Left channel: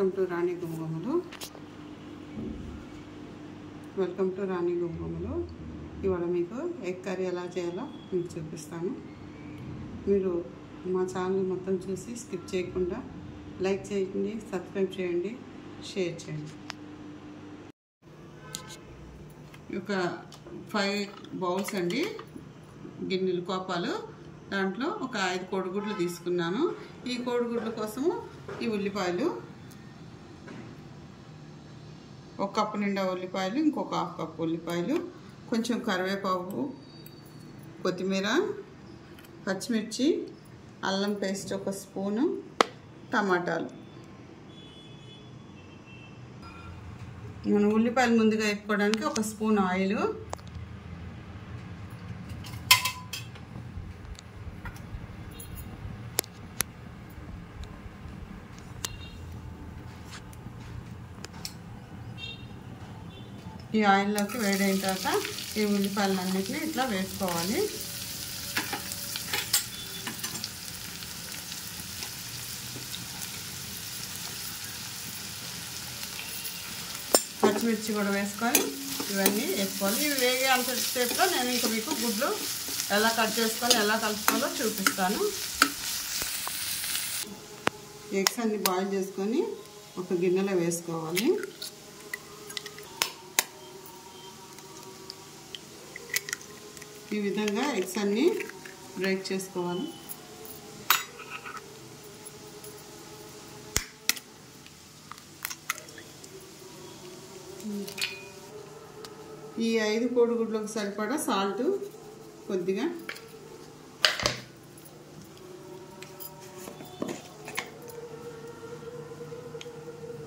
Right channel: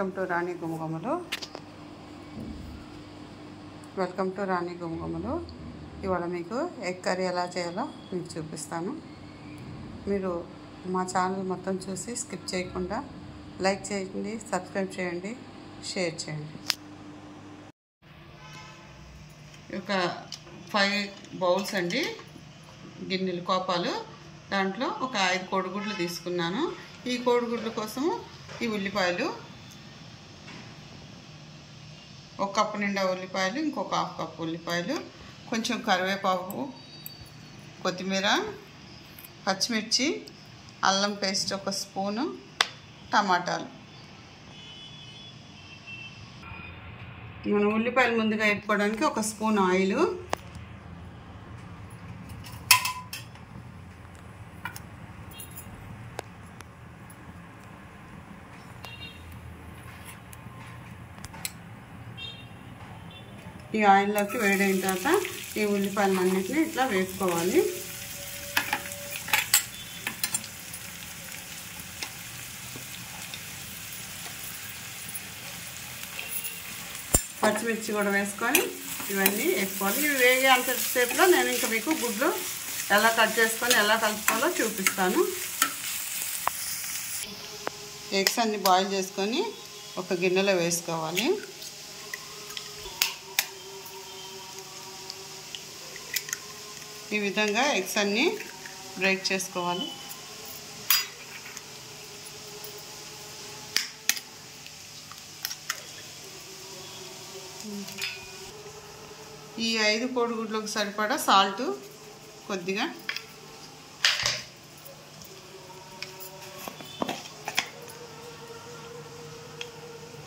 Welcome to రాణి గుమగుమలు. ఇవాళ మీకు egg curry ఎలా చేయాలో మీకు చూపిస్తాను. మీరు మా ఛానల్ మొత్తం చూసి స్కిప్ చేయకుండా లైక్ చేయండి, సబ్స్క్రైబ్ చేయండి, షేర్ చేయండి. ఒక 5 బౌల్స్ అండి, గిన్నెలు కోపాలు. దాంట్లో ఒక 5 కోడిగుడ్లు తీసుకున్నాను. ఈ కోడిగుడ్ల కోసము ఈ ఉల్లిపాయలు, 1 కప్పు నిండా ఉల్లిపాయలు, ఇంకొక 1/2 కప్పు ఉల్లిపాయలు, కొంచెం కరివేపాకు, కొత్తిమీర, పచ్చిమిర్చి, అల్లం పేస్ట్ 1 స్పూను, టమాటాలు. మనం ఉల్లిపాయలు ముందుగా వేపుకోవడానికి 1 స్పూన్ ఆయిల్, ఈ ఆయిల్లోకి వేడైన తర్వాత ఈ ఉల్లిపాయలన్నిటిని ఇట్లా వేసుకోవాలి. పచ్చిమిర్చి కూడా వేసుకొని ఇవన్నీ వేసుకోవాలి. ఇవి వేగే అంతసేపులో నేను ఇంకా మీకు గుడ్లు ఎలా కట్ చేసుకొని ఎలా కలుపుకోవాలో చూపిస్తాను. ఎగ్స్ అన్ని బాయిల్ చేసుకొని ఒక గిన్నెలో వేసుకోవాలి. ఈ విధంగా ఎగ్స్ అన్నీ బ్రేక్ చేసుకోవాలి. ఈ 5 కోడిగుడ్లకు సరిపడా సాల్ట్ కొద్దిగా,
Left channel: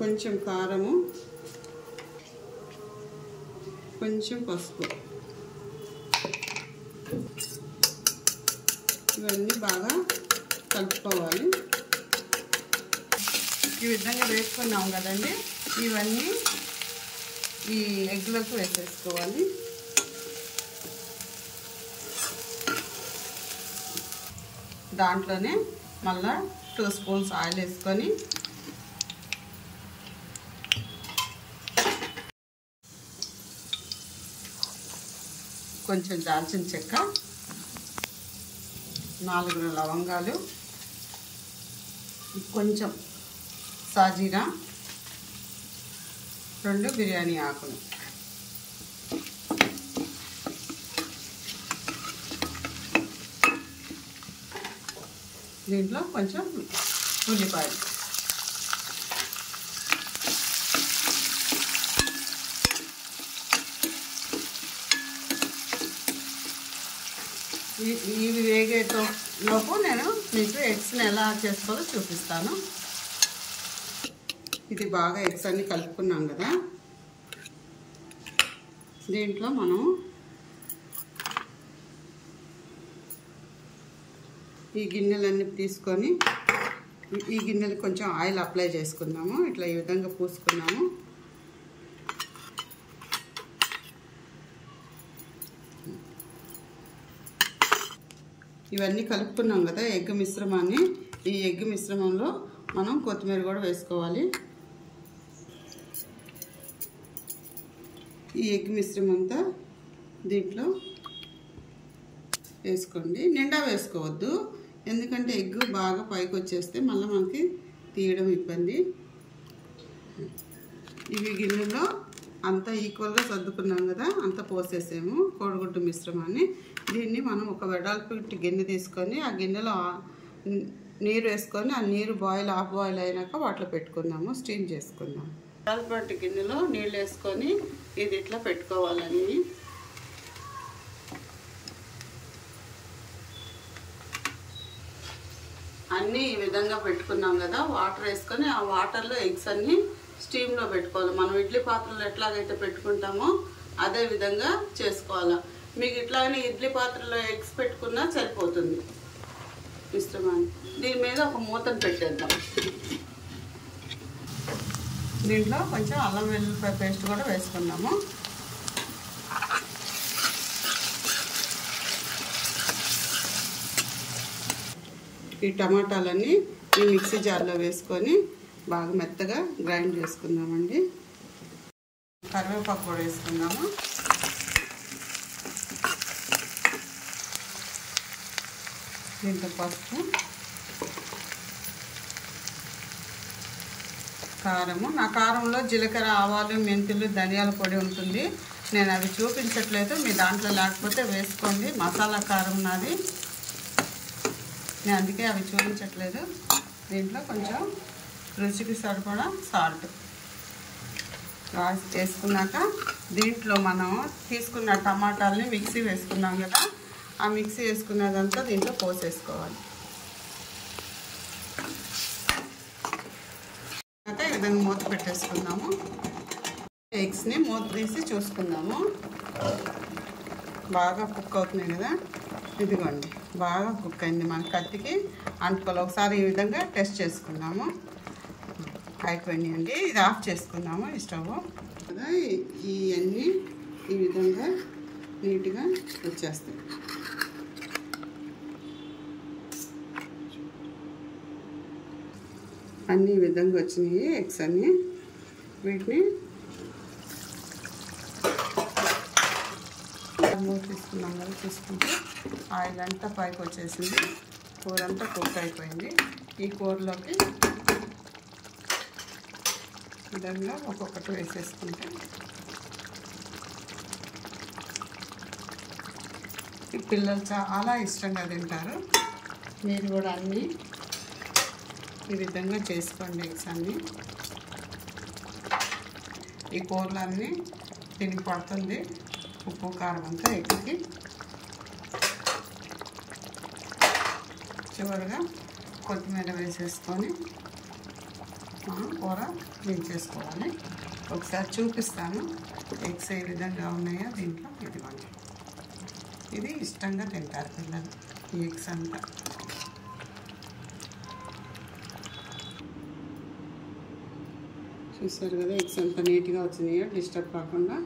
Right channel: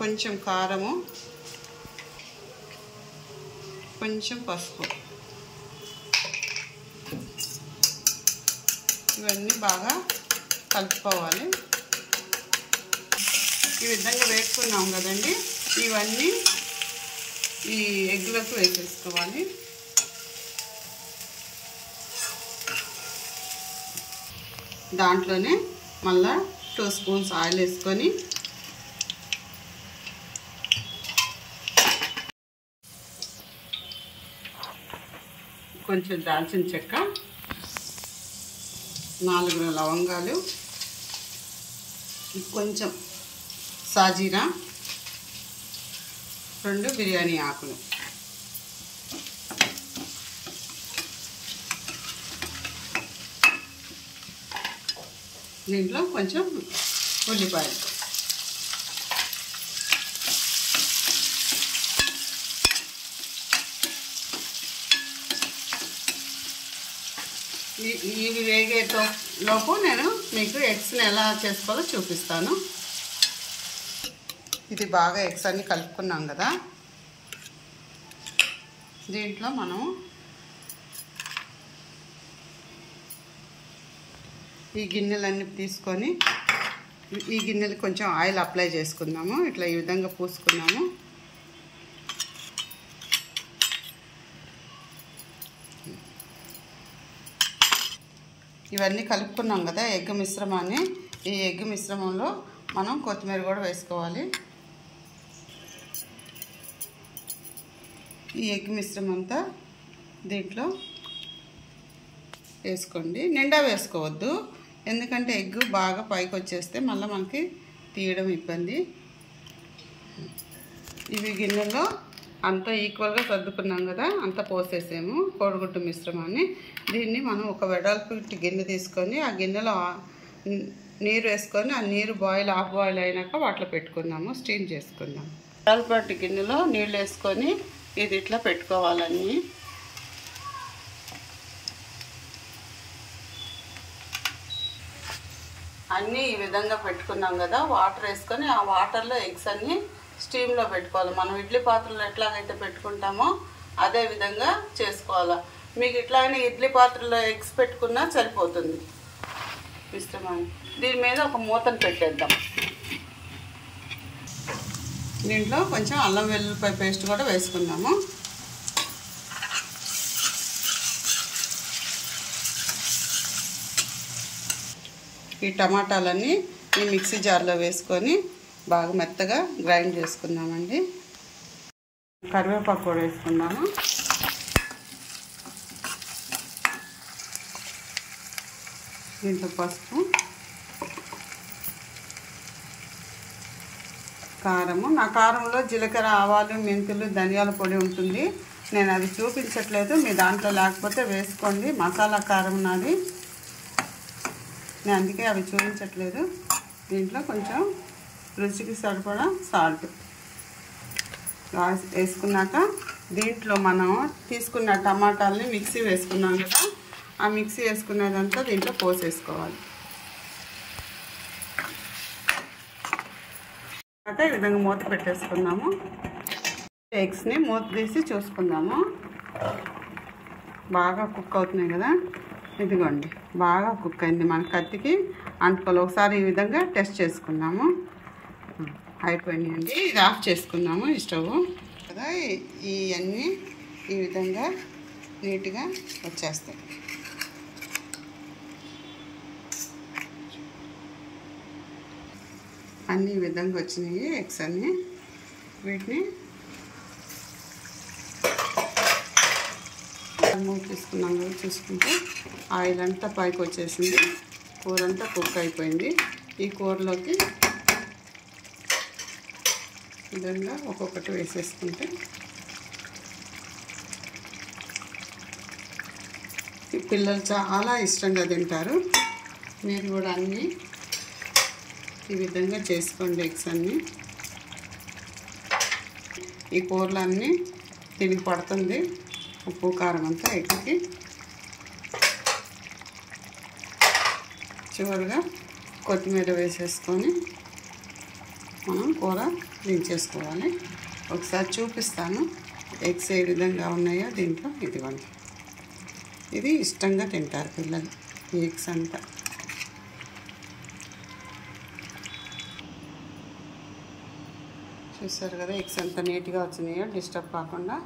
కొంచెం కారము, కొంచెం పసుపు, ఇవన్నీ బాగా కలుపుకోవాలి. ఈ విధంగా వేసుకున్నాం కదండి, ఇవన్నీ ఈ ఎగ్లకు వేసేసుకోవాలి. దాంట్లోనే మళ్ళా 2 స్పూన్స్ ఆయిల్ వేసుకొని కొంచెం దాల్చిన చెక్క, 4 లవంగాలు, కొంచెం సాజీరా, 2 బిర్యానీ ఆకులు, దీంట్లో కొంచెం ఉల్లిపాయలు, ఇవి వేగేలోపు నేను మీకు ఎగ్స్ని ఎలా చేసుకోవాలో చూపిస్తాను. ఇది బాగా ఎగ్స్ అన్ని కలుపుకున్నాం కదా, దీంట్లో మనం ఈ గిన్నెలన్నీ తీసుకొని ఈ గిన్నెలు కొంచెం ఆయిల్ అప్లై చేసుకుందాము. ఇట్లా ఈ విధంగా పూసుకున్నాము. ఇవన్నీ కలుపుకున్నాం కదా ఎగ్ మిశ్రమాన్ని. ఈ ఎగ్ మిశ్రమంలో మనం కొత్తిమీర కూడా వేసుకోవాలి. ఈ ఎగ్ మిశ్రమం అంతా దీంట్లో వేసుకోండి. నిండా వేసుకోవద్దు, ఎందుకంటే ఎగ్ బాగా పైకి వచ్చేస్తే మళ్ళీ మనకి తీయడం ఇబ్బంది. ఇవి గిన్నెలో అంతా ఈక్వల్గా సర్దుకున్నాం కదా, అంతా పోసేసాము కోడిగుడ్డు మిశ్రమాన్ని. దీన్ని మనం ఒక వెడల్పు గిన్నె తీసుకొని ఆ గిన్నెలో నీరు వేసుకొని ఆ నీరు హాఫ్ బాయిల్ అయినాక వాటిలో పెట్టుకున్నాము, స్టీమ్ చేసుకుందాం. వెడల్పు గిన్నెలో నీళ్ళు వేసుకొని ఇది ఇట్లా పెట్టుకోవాలన్నీ. అన్నీ ఈ విధంగా పెట్టుకున్నాం కదా, వాటర్ వేసుకొని ఆ వాటర్లో ఎగ్స్ అన్నీ స్టీమ్లో పెట్టుకోవాలి. మనం ఇడ్లీ పాత్రలో ఎట్లాగైతే పెట్టుకుంటామో అదే విధంగా చేసుకోవాలి. మీకు ఇట్లానే ఇడ్లీ పాత్రలో ఎగ్స్ పెట్టుకున్నా సరిపోతుంది మిశ్రమాన్ని. దీని మీద ఒక మూతను పెట్టేద్దాం. దీంట్లో కొంచెం అల్లం వెల్లుల్లిపాయ పేస్ట్ కూడా వేసుకున్నాము. ఈ టమాటాలన్నీ ఈ మిక్సీ జార్లో వేసుకొని బాగా మెత్తగా గ్రైండ్ చేసుకుందామండి. కరివేపాకు కూడా వేసుకుందాము. దీంట్లో పసుపు, కారము. నా కారంలో జీలకర్ర, ఆవాలు, మెంతులు, ధనియాల పొడి ఉంటుంది. నేను అది చూపించట్లేదు, మీ దాంట్లో లేకపోతే వేసుకోండి. మసాలా కారం నాది, నేను అందుకే అవి చూపించట్లేదు. దీంట్లో కొంచెం రుచికి సరిపడా సాల్ట్ వేసుకున్నాక దీంట్లో మనం తీసుకున్న టమాటాలని మిక్సీ వేసుకున్నాం కదా, ఆ మిక్సీ వేసుకున్నదంతా దీంట్లో పోసేసుకోవాలి. తర్వాత ఈ విధంగా మూత పెట్టేసుకుందాము. ఎగ్స్ని మూత తీసి చూసుకుందాము. బాగా కుక్ అవుతున్నాయి కదా, ఇదిగోండి బాగా కుక్ అయింది. మన కత్తికి అంటుకోవాలి. ఒకసారి ఈ విధంగా టెస్ట్ చేసుకుందాము. అయిపోయినాయండి. ఇది ఆఫ్ చేసుకుందాము ఈ స్టవ్ కదా. ఇవన్నీ ఈ విధంగా నీట్గా వచ్చేస్తాయి. అన్నీ ఈ విధంగా వచ్చినాయి ఎగ్స్ అన్నీ. వీటిని తీసుకున్నాం కదా, చూసుకుంటే ఆయిల్ అంతా పైకి వచ్చేసింది. కూర అంతా కుక్ అయిపోయింది. ఈ కూరలోకి విధంగా ఒక్కొక్కటి వేసేసుకుంటే ఈ పిల్లలు చాలా ఇష్టంగా తింటారు. మీరు కూడా అన్నీ ఈ విధంగా చేసుకోండి. ఎగ్స్ అన్నీ ఈ కూరలు అన్నీ తిని పడుతుంది. ఉప్పు కారం అంతా ఎగ్కి. చివరిగా కొత్తిమీర వేసేసుకొని మనం కూర దించేసుకోవాలి. ఒకసారి చూపిస్తాను ఎగ్స్ ఏ విధంగా ఉన్నాయో దీంట్లో. ఇదిగోండి, ఇది ఇష్టంగా తింటారు పిల్లలు ఈ ఎగ్స్ అంతా. చూస్తారు కదా ఎగ్స్ ఎంత నీట్గా వచ్చినాయో, డిస్టర్బ్ కాకుండా.